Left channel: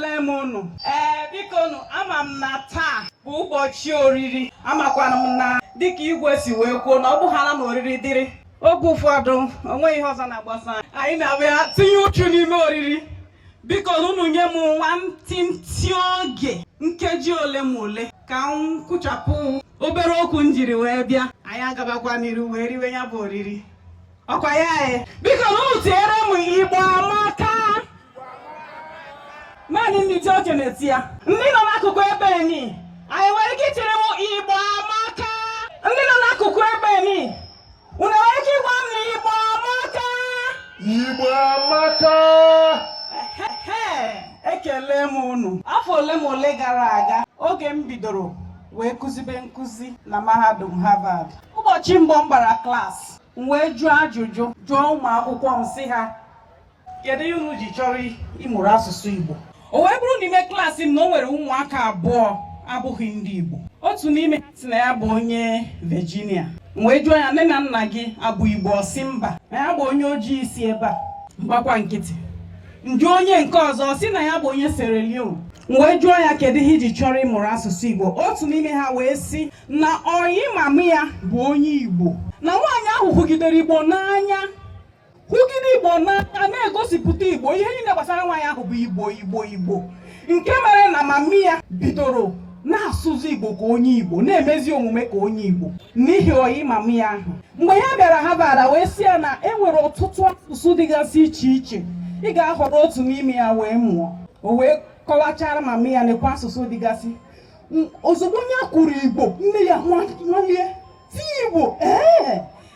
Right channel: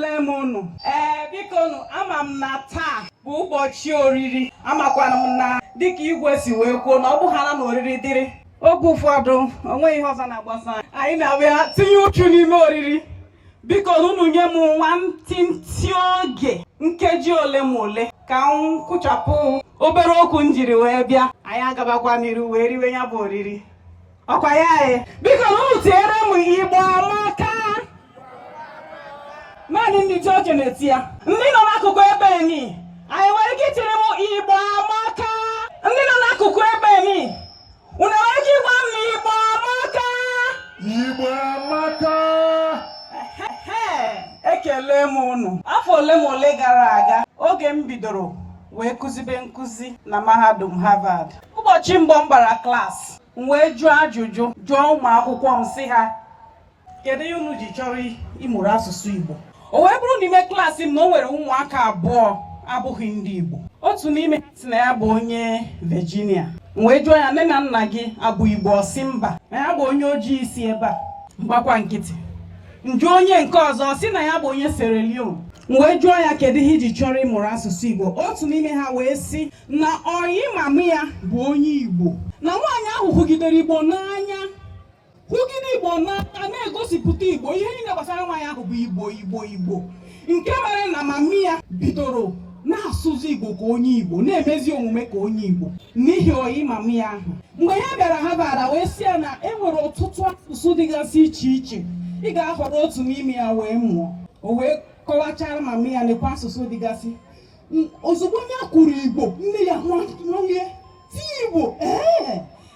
ekele m unu. Biko nu ama m na taa bụ ụbọchị oriri. Amakwana m na dịka igwe si wee kwuo na ọ bụghara na oriri dịrị. Oge ụfọdụ onwe ihe ọzọ na-agbasa anyị na-abịa tinye uchu n'ime oriri. Biko unu nye m nwantịntị oge nkeji ole ma ole ka m kwụchapụ obere okwu m jiri wee bịa. Anyị agabakwa n'iru wee riwe ya bụ oriri. Ọkwa ya anyị. Biko unu tiere m Igbo amaka. Naanị ndị ọchị na-eti ya. Ndị nọ n'akụkụ ebe enyi anyị nwere ike itinye m Igbo amaka. Ndị nọ n'akụkụ ebe enyi unu nwere ike ịgwa m Igbo amaka. Igbo amaka. Ekele m unu. Afọ ole ma ole gara aga oge m bidoro wee kụzibe nkụzi na mahadum Harvard. Ụbọchị mbụ m gbara klaasị m wee jụọ ajụjụ jụọ ụmụ akwụkwọ m sị ha kedu ihe unu ji chọrọ ịmụrụ asụsụ Igbo. O wee bụrụ n'ime klaasị m na o nwere ụmụaka abụọ abụghị ndị Igbo. Otu n'ime ha si na ya bụ onye Virginia. M wee jụọ ya nne na nna gị abụ Igbo? Ọ sị mba, na ya bụ onye ojii si ebe a. Mgbakwa nkịtị. Njụ onye nke ọzọ si na ya bụ onye Sierra Leone. M wee jụọ ya kedu ihe iji chọrọ ịmụrụ asụsụ Igbo. Otu n'ime ha wee sị na ọyị mama ya bụ onye Igbo, na nwaanyị ahụ hụgidere Igbo n'anya. Hụgide Igbo n'anya na-egosipụta Igbo. Ihe niile gbasara nwaanyị ahụ bụ Igbo Igbo Igbo. Nke mere na mama ya bidoro na-asụzi Igbo ka onye Igbo, na-emezi omume ka onye Igbo n'ihi ọyị mama ya ahụ. Mgbe ya bịara Harvard wee sị ya na enwere ọtụtụ asụsụ dịgasị iche iche, ị ga-ahọrọ otu n'ime ya wee mụọ. O wee kọwachara mama ya nekwa asụsụ dịgasị. Ozugbo ya kwuru Igbo, nne ya nwalie ti Igbo.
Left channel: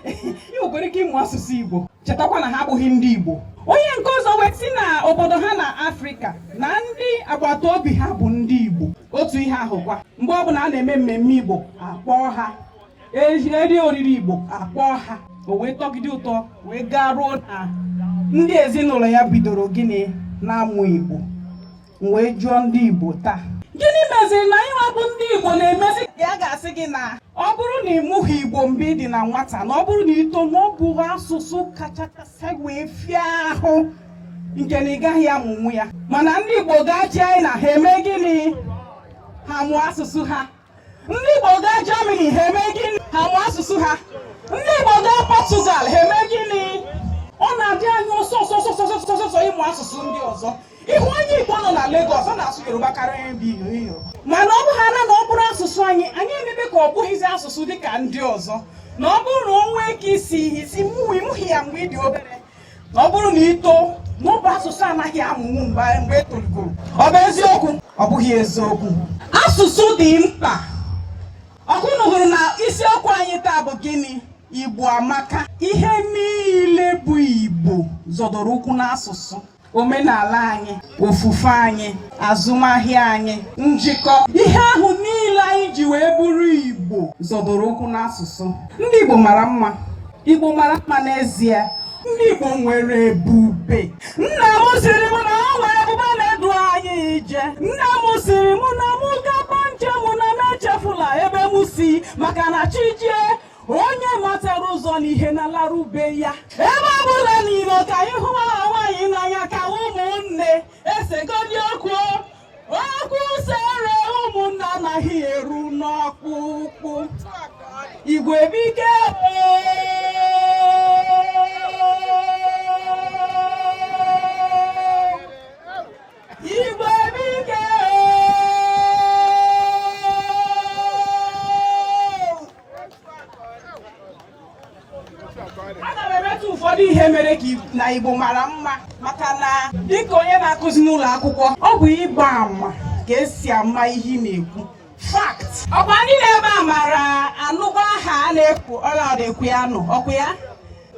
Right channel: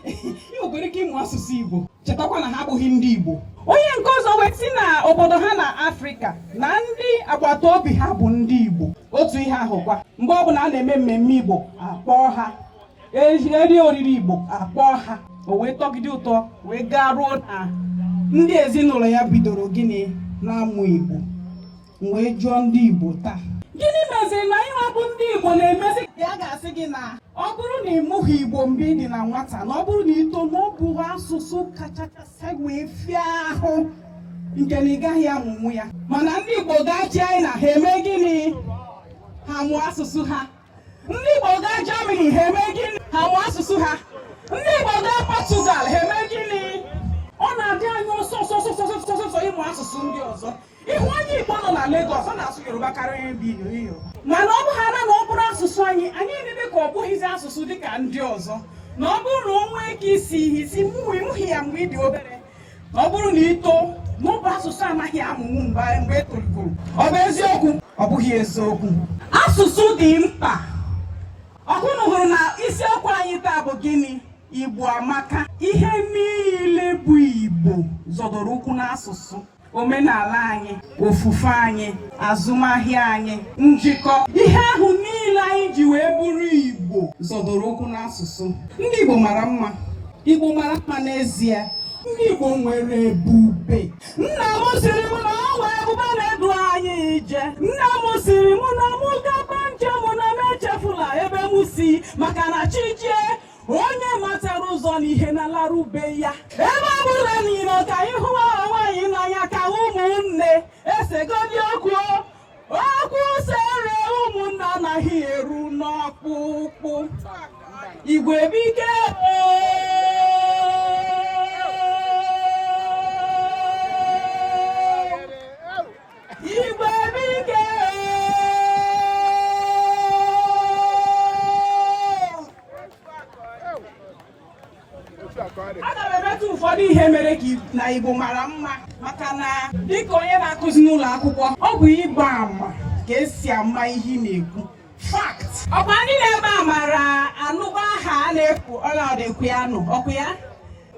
Ị nwekwara ike ịmụ asụsụ Igbo, chetakwa na ha abụghị ndị Igbo. Onye nke ọzọ wee sị na obodo ha na Afrịka na ndị agbata obi ha bụ ndị Igbo. Otu ihe ahụkwa, mgbe ọbụla a na-eme mmemme Igbo akpọọ ha, eri oriri Igbo akpọọ ha. O wee tọgide ụtọ wee gaa ruo na ndị ezinụlọ ya bidoro gịnị na-amụ Igbo. Wee jụọ ndị Igbo taa, gịnị meziri na ịwa bụ ndị Igbo na-emezi ya ga-asị gị na ọ bụrụ na ịmụghị Igbo mgbe ị dị na nwata, na ọ bụrụ na ito na ọ bụ asụsụ kachasị wee fịa ahụ nke na ị gaghị amụmụ ya. Mana ndị Igbo ga-achị anyị na ha eme gịnị? Ha mụọ asụsụ ha. Ndị Igbo gaa Germany ha eme gịnị? Ha mụọ asụsụ ha. Ndị Igbo gaa Portugal ha eme gịnị? Ọ na-adị anyị ọsọ ịmụ asụsụ ndị ọzọ. Ihu onye Igbo nọ na Lagos ọ na-asụ Yoruba karịa ndị Igbo. Mana ọ bụghara na ọ bụrụ asụsụ anyị emebe ka ọ bụghịzi asụsụ dịka ndị ọzọ. Na ọ bụrụ na o nwee ike isi ịmụghị ya mgbe ị dị obere, na ọ bụrụ na ito n'ọbụ asụsụ anaghị amụmụ mgbe etoligoro. Ọ bụ eziokwu? Ọ bụghị eziokwu. Asụsụ dị mkpa. Ọkụnụ hụrụ na isiokwu anyị taa bụ gịnị? Igbo amaka. Ihe niile bụ Igbo zọdoro ụkwụ n'asụsụ. Omenala anyị, ofufe anyị, azụmahịa anyị, njikọ, ihe ahụ niile anyị ji wee bụrụ Igbo zọdoro ụkwụ n'asụsụ. Ndị Igbo mara mma. Igbo mara mma n'ezie. Ndị Igbo nwere ebube. Nna m sịrị m na ọ nwere ebube na-edu anyị ije. Nna m sịrị m na mụ gaba njem na m echefula ebe m si, maka na Chijie onye matara ụzọ n'ihe na larube ya. Ebe ọ bụla niile ka anyị hụ nwaanyị n'anya ka ụmụnne esegodi okwu sere ụmụnne anaghị eru n'ọkpụkpụ. Igwe bike Igwe bike aga m emetụ ụfọdụ ihe mere ka na Igbo mara mma, maka na dịka onye na-akụzi n'ụlọ akwụkwọ, ọ bụ ịgba ama ka esi ama ihe na-ekwu. Fact. Ọkwa ndị na-ebe a mara anụba aha a na-ekwu ọla ya nụ ọkwa ya.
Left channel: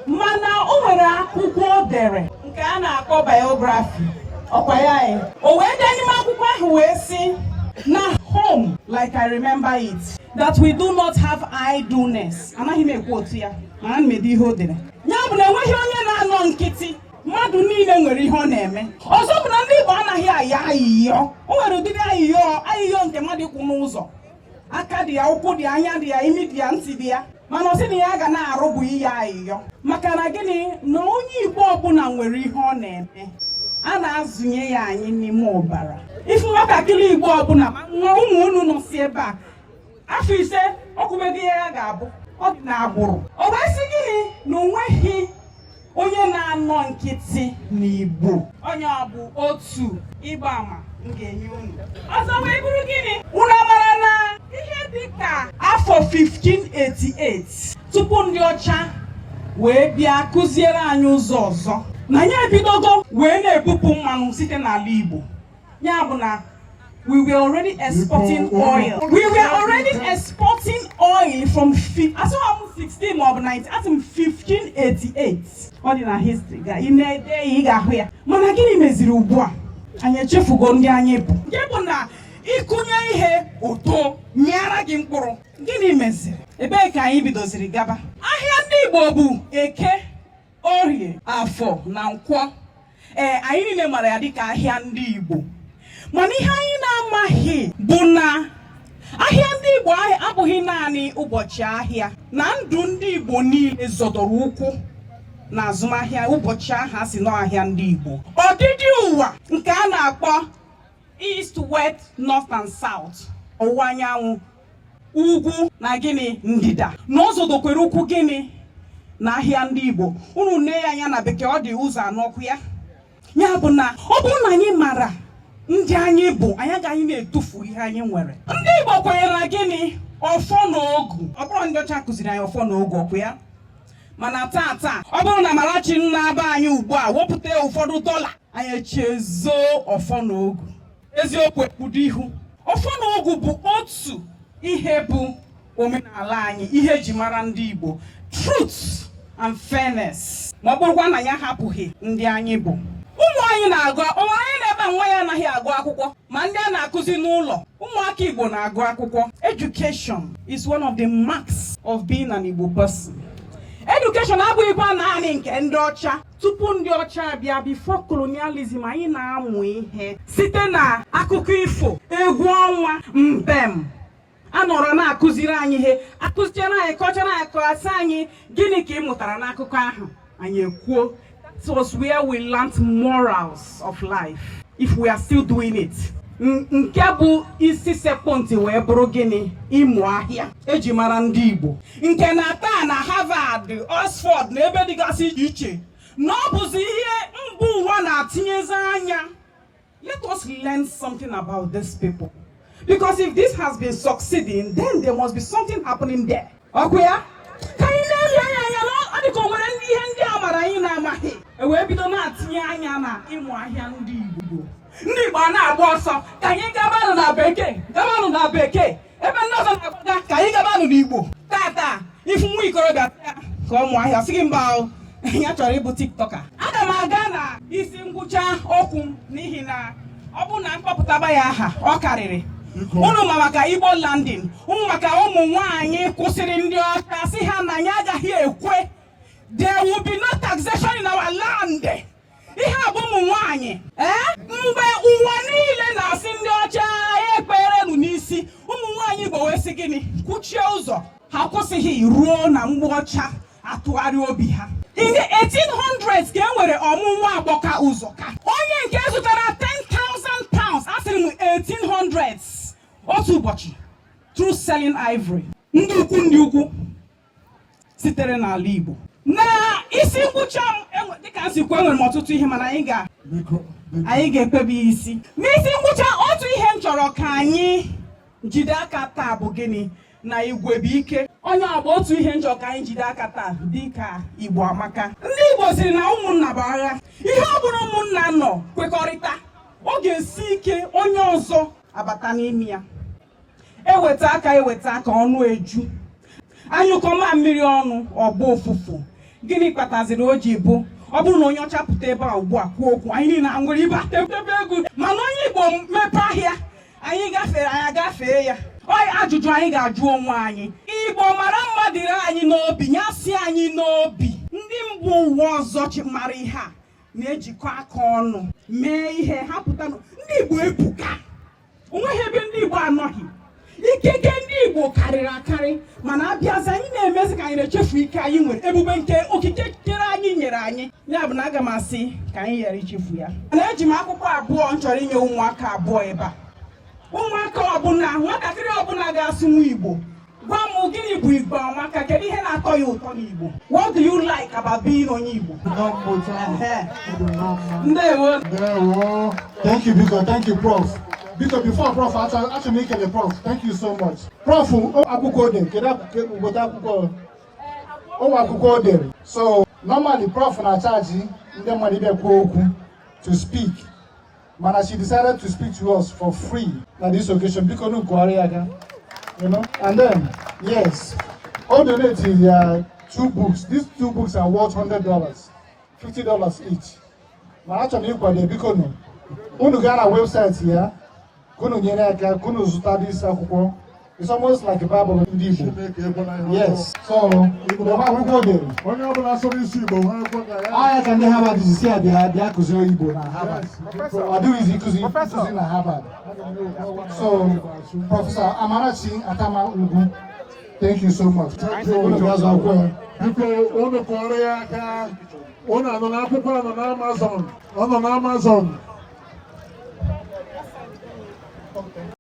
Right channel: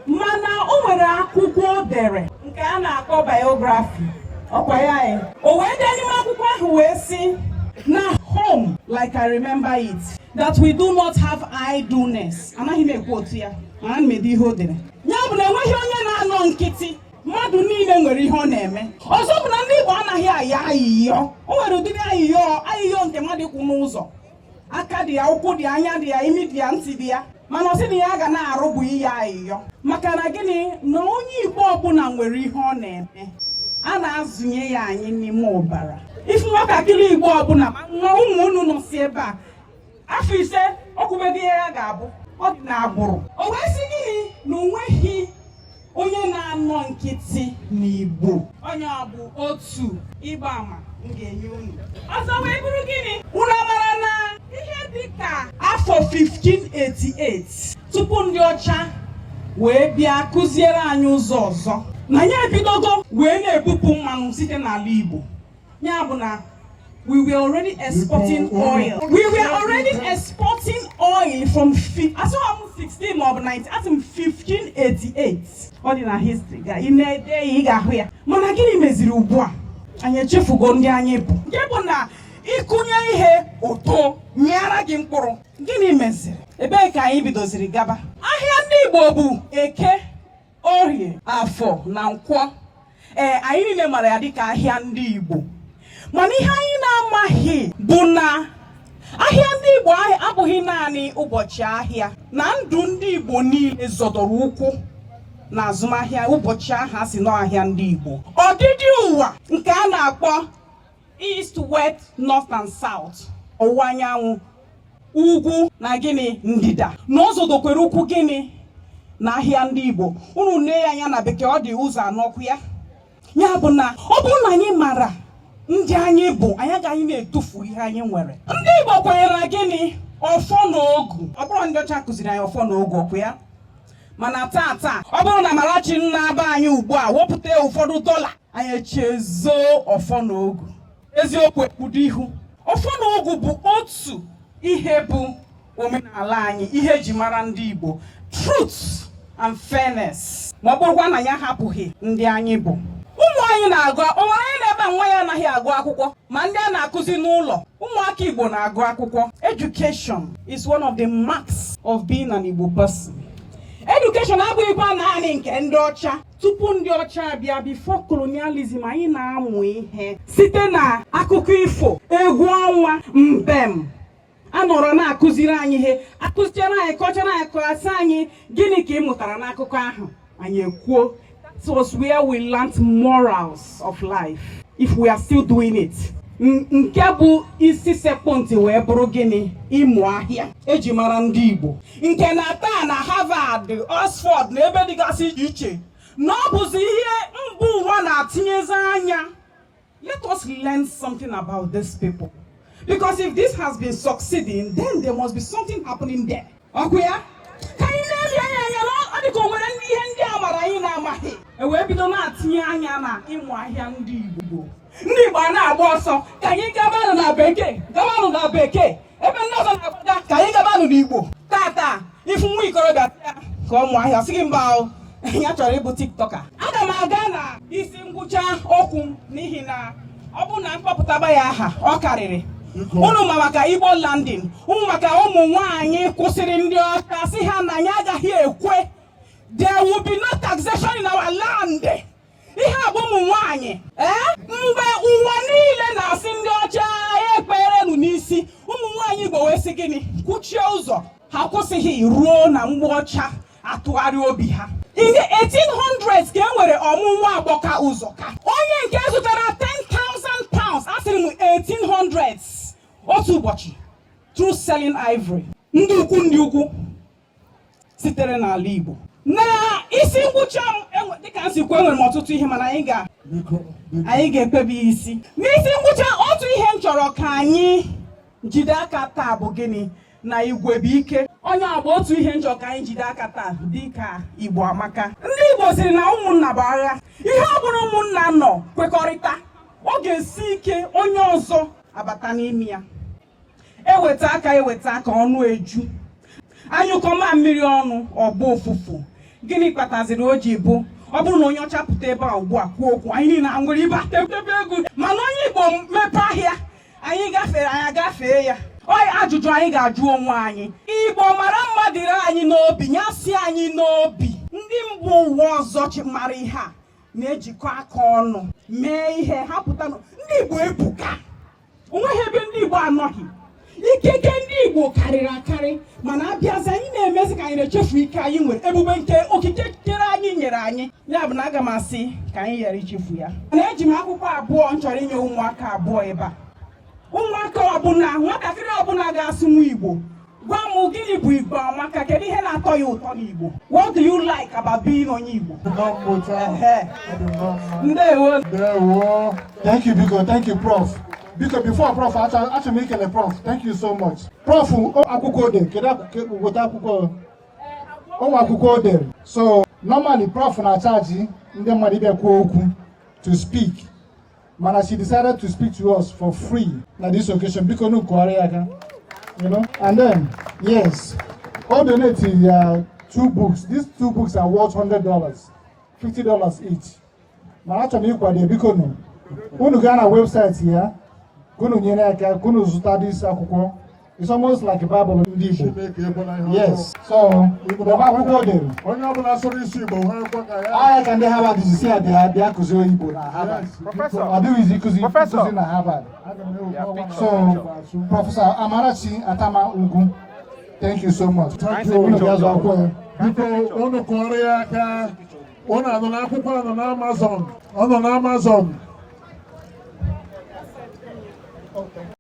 Mana o nwere akwụkwọ o dere nke a na-akpọ biography. Ọkwa ya. O wee dee n'ime akwụkwọ ahụ wee sị na home like I remember it, that we do not have idleness. Anaghị m ekwu otu ya, mana m ede ihe o dere. Ya bụ na enweghị onye na-anọ nkịtị. Mmadụ niile nwere ihe ọ na-eme. Ọzọ bụ na ndị Igbo anaghị ayọ ayịyọ. O nwere ụdịrị ayịyọ nke mmadụ kwụ n'ụzọ. Aka dị ya, ụkwụ dị ya, anya dị ya, imi dị ya, ntị dị ya. Mana ọ sị na ya ga na-arụ bụ ihe ayịyọ. Maka na gịnị? Na onye Igbo ọbụla nwere ihe ọ na-eme. A na-azụnye ya anyị n'ime ọbara. ifu nwatakịrị Igbo ọbụla nwa ụmụ unu nọ si ebe a afọ ise ọkwụbeghị ihe ya ga-abụ ọ dị n'agbụrụ. O wee sị gịnị na onweghị onye na-anọ nkịtị n'Igbo, onye ọ bụ otu ịgba ama m ga-enye unu. Ọzọ wee bụrụ gịnị, unu mara na ihe dịka afọ 1588 tupu ndị ọcha wee bịa kụziere anyị ụzọ ọzọ, na ya ebidogo wee na-ebupụ mmanụ site n'ala Igbo. Ya bụ na we were already exporting oil. We were already exporting oil from 16 or 19, as in 1588. Ọ dị na history ga ị na-ede ya ị ga-ahụ ya. Mana gịnị meziri ugbu a? Anyị echefugo ndị anyị bụ. Nke bụ na ịkụnye ihe ụtọ mịara gị mkpụrụ. Gịnị meziri? Ebee ka anyị bidoziri gaba? Ahịa ndị Igbo bụ Eke, Orie, Afọ na Nkwọ. Anyị niile mara ya dịka ahịa ndị Igbo. Mana ihe anyị na-amaghị bụ na ahịa ndị Igbo abụghị naanị ụbọchị ahịa, na ndụ ndị Igbo niile zọdọrọ ụkwụ na azụmahịa ụbọchị ahụ a sị n'ahịa ndị Igbo. Ọdịdị ụwa nke a na-akpọ East, West, North and South, ọwụwa anyanwụ, ugwu na gịnị ndịda, na ọ zọdokwere ụkwụ gịnị na ahịa ndị Igbo. Unu nee ya anya na bekee ọ dị ụzọ anọkwu ya. Ya bụ na ọ bụrụ na anyị mara ndị anyị bụ, anyị agaghị na-etufu ihe anyị nwere. Ndị Igbo kwenyere na gịnị ọfọ na ogu. Ọ bụrụ ndị ọcha kụziri anyị ọfọ na ogu, ọkwa ya. Mana taa ọ bụrụ na Amarachi na-aba anyị ugbu a wepụta ụfọdụ dọla, anyị echezo ọfọ na ogu. Eziokwu ekpudo ihu. Ọfọ na ogu bụ otu ihe bụ omenala anyị, ihe eji mara ndị Igbo, truth and fairness. Ma ọ bụrụkwa na ya hapụghị ndị anyị bụ. Ụmụ anyị na-agụ, onwe anyị na-ebe nwa ya anaghị agụ akwụkwọ, ma ndị a na-akụzi n'ụlọ. Ụmụaka Igbo na-agụ akwụkwọ. Education is one of the marks of being an Igbo person. Education abụghịkwa naanị nke ndị ọcha. Tupu ndị ọcha abịa, before colonialism, anyị na-amụ ihe site na akụkọ ifo, egwu ọnwa, mbem. A nọrọ na-akụziri anyị ihe, akụziere anyị, kọchara anyị, kọsị anyị gịnị ka ị mụtara n'akụkọ ahụ. Anyị ekwuo. It was where we learned morals of life, if we are still doing it. Nke bụ isi sekpọntị wee bụrụ gịnị, ịmụ ahịa eji mara ndị Igbo. Nke na taa na Harvard, Oxford na ebe dịgasị iche iche, na ọ bụzi ihe mba ụwa na-atinyezi anya. Let us learn something about these people, because if this has been succeeding, then there must be something happening there. Okay? Ka anyị na-ele anya na ọ dịka o nwere ihe ndị a mara anyị na-amaghị. Wee bido na-atinye anya na ịmụ ahịa ndị Igbo. Ndị Igbo na-agba ọsọ ka anyị gabanụ na bekee, gabanụ na bekee. Ebe ndị ọzọ na-agbaga ka anyị gabanụ n'Igbo. Tata ifu nwa ikorobịa ka ọ mụọ ahịa, sị gị mba ahụ ya chọrọ ịbụ tiktoka. Aga m aga na isi ngwụcha okwu n'ihi na ọ bụ na mkpọpụtaba ya aha ọ karịrị. Unu ma maka Igbo landing, unu maka ụmụ nwaanyị kwụsịrị ndị ọcha sị ha na anyị agaghị ekwe. There will be no taxation in our land. Ihe abụ ụmụ nwaanyị. Mgbe ụwa niile na-asị ndị ọcha ya ekperenu n'isi, ụmụ nwaanyị Igbo wee sị gịnị? Kwuchie ụzọ. Ha kwụsịghị ruo na mgbe ọcha atụgharị obi ha. In the 1800s ka e nwere ọmụmụ agbọka ụzọ ka. Onye nke zụtara 10,000 pounds, asịrị m 1800s, otu ụbọchị, through selling ivory. Ndị ukwu sitere n'ala Igbo. Na isi ngwụcha dịka nsikwu enwere m ọtụtụ ihe, mana anyị ga-ekpebi isi. N'isi ngwụcha, otu ihe m chọrọ ka anyị jide aka taa bụ gịnị? Na igwe bụ ike. Onye agba otu ihe m chọrọ ka anyị jide aka taa dịka Igbo amaka. Ndị Igbo siri na ụmụnna bụ agha. Ihe ọ bụrụ ụmụnna nọ kwekọrịta, ọ ga-esi ike onye ọzọ abata n'ime ya. Eweta aka ọnụ eju. Anyụkọma mmiri ọnụ ọgba ụfụfụ. Gịnị kpataziri o ji bụ ọ bụrụ na onye ọcha pụta ebe a ugbu a kwuo okwu, anyị niile aṅụrị ibe atebe egwu. Mana onye Igbo mepe ahịa, anyị agafee ya. Ajụjụ anyị ga-ajụ onwe anyị, Igbo mara mma dịrị anyị n'obi, nyasị anyị n'obi. Ndị mba ụwa ọzọ mara ihe a na-ejikọ aka ọnụ mee ihe ha pụta. Ndị Igbo ebuka, onweghị ebe ndị Igbo anọghị. Ikike ndị Igbo karịrị akarị mana abịazi anyị na-emezi ka anyị na-echefu ike anyị nwere ebube nke okike kere anyị nyere anyị ya bụ na aga m asị ka anyị ghara ichefu ya. Na eji m akwụkwọ abụọ m chọrọ inye ụmụaka abụọ ebe a. Ụmụaka ọbụla nwatakịrị ọbụla ga-asụnwu Igbo gwa m gịnị bụ Igbo amaka, kedu ihe na-atọ ya ụtọ n'Igbo? What do you like about being onye Igbo? Ndewo. Thank you, Biko. Thank you, Prof. Because before Prof, actually making a Prof. Thank you so much. Prof, so normally Prof na charge to speak. But she decided to speak to us for free on this occasion because no you know. And then yes, all donated 2 books. These 2 books are worth $100, $50 each. But actually, because on the Ghana website here. It's almost like a Bible in yes. So, I can have a disease here. They are Harvard. So, Professor Amarachi, Attamah-Ugwu, thank you so much. Thank you. On Amazon.